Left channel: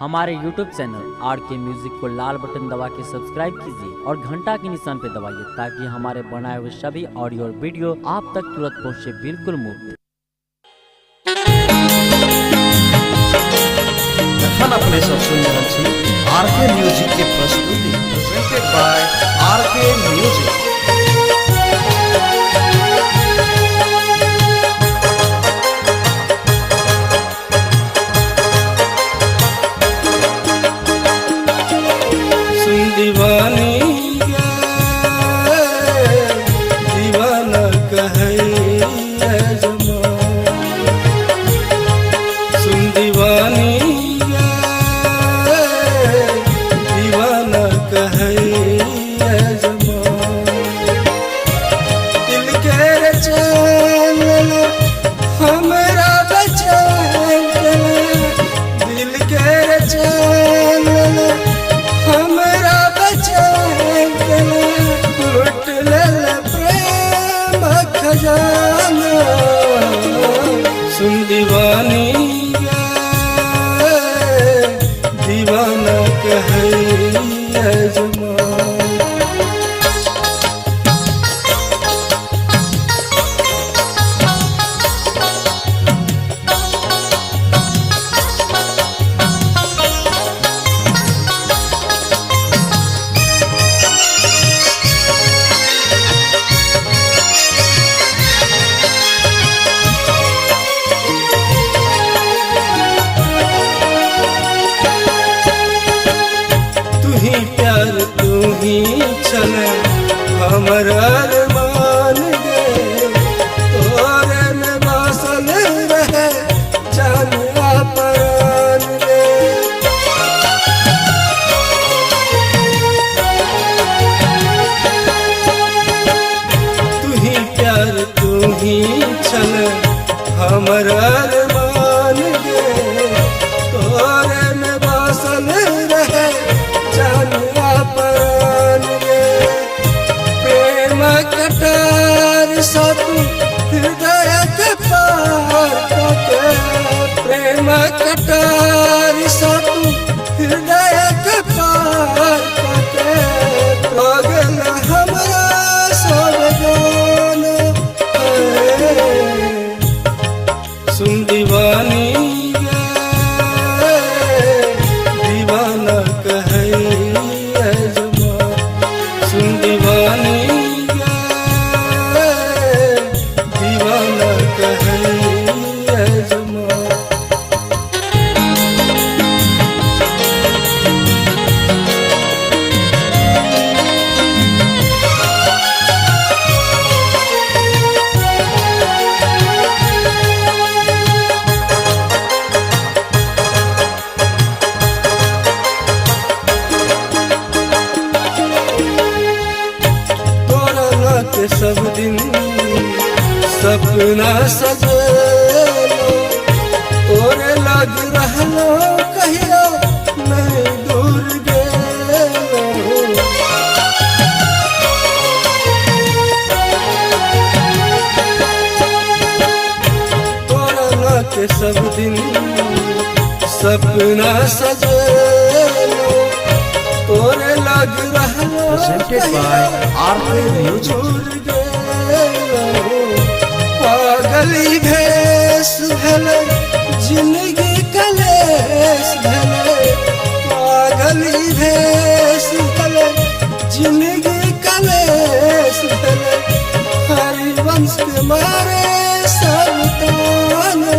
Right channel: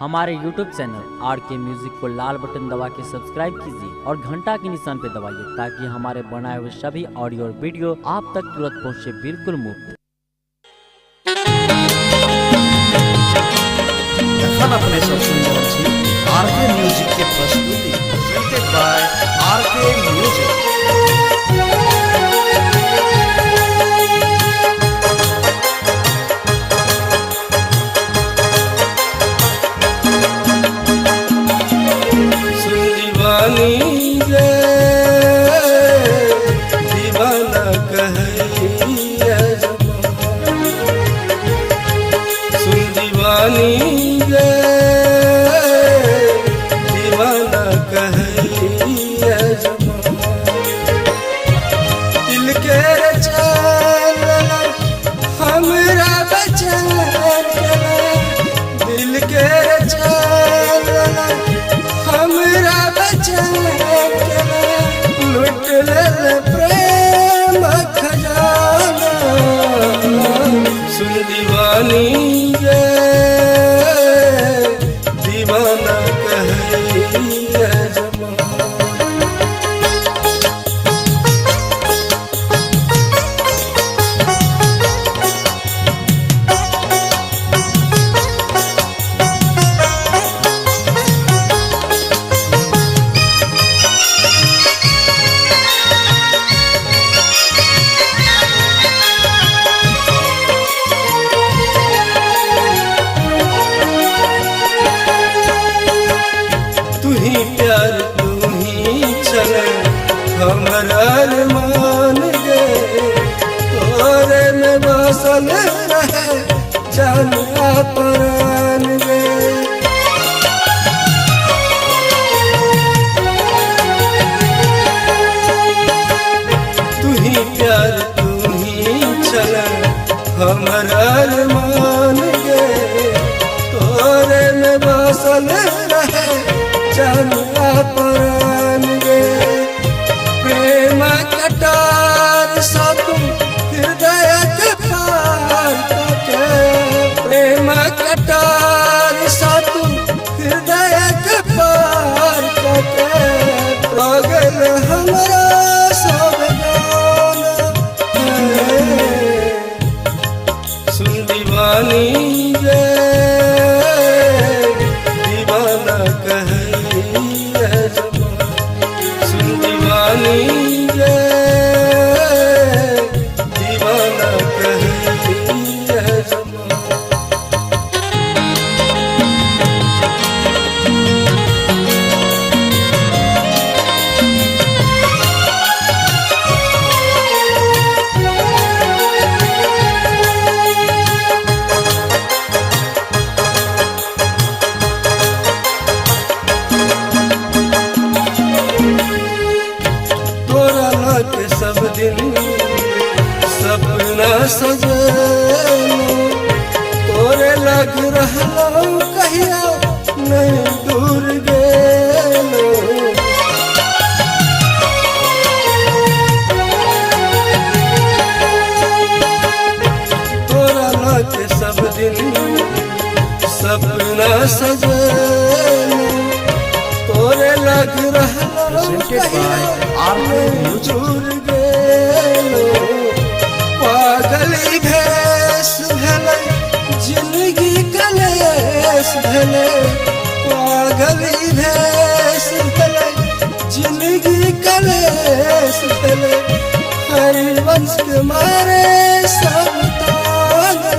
हमारे YouTube channel RK music को लाल button दबा के सब्सक्राइब कीजिए और घंटा के निशान पे दबाइए ताकि हमारे बनाए हुए सभी ऑडियो और वीडियो आप तक तुरंत पहुंचे बिल्कुल मुफ्त। एखन अपने सब सुन रहल छी RK म्यूजिक के प्रस्तुति प्रेजेंटेड बाय RK म्यूजिक। सुन दीवानी गे दीवाना कहे प्यार तू ही चले हमर अरमान गे तोरे में बसल रहे जान प्राण गे। तू ही प्यार तू ही चले हमर अरमान गे तोरे में बसल रहे जान प्राण गे। प्रेम कटार सातु हृदय के पार के प्रेम कटार सातु हृदय के पार के पागल हमारा सब जान सुन दीवानी गे दीवाना कहे के सब दिन सपना सजलो तोरे लग रहलो कहिया नहीं दूर गेलो। तोरा न के सब दिन सपना सजलो तोरे लग रहलो presented by RK म्यूजिक। पागली भेष भेले जिंदगी कलेश भेले पागली भेष भेले जिंदगी कलेश भेले हरिवंश के मारे सब ताना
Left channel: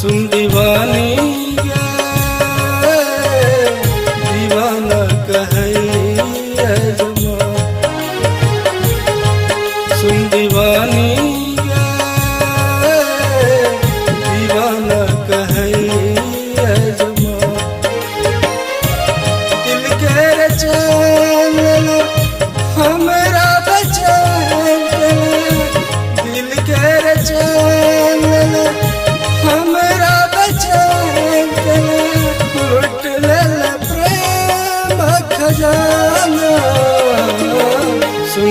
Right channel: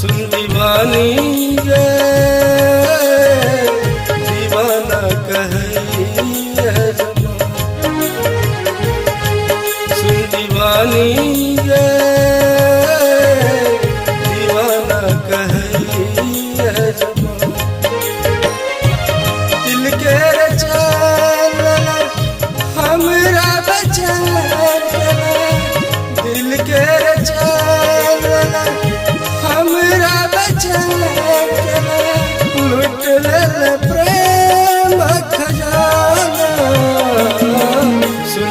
सुन दीवानी गे दीवाना कहे सुन दीवानी गे दीवाना कहे दिल के चैन हमरा बचैन दिल के चैन हमरा बचैन लुट ले प्रेम खजाना सुन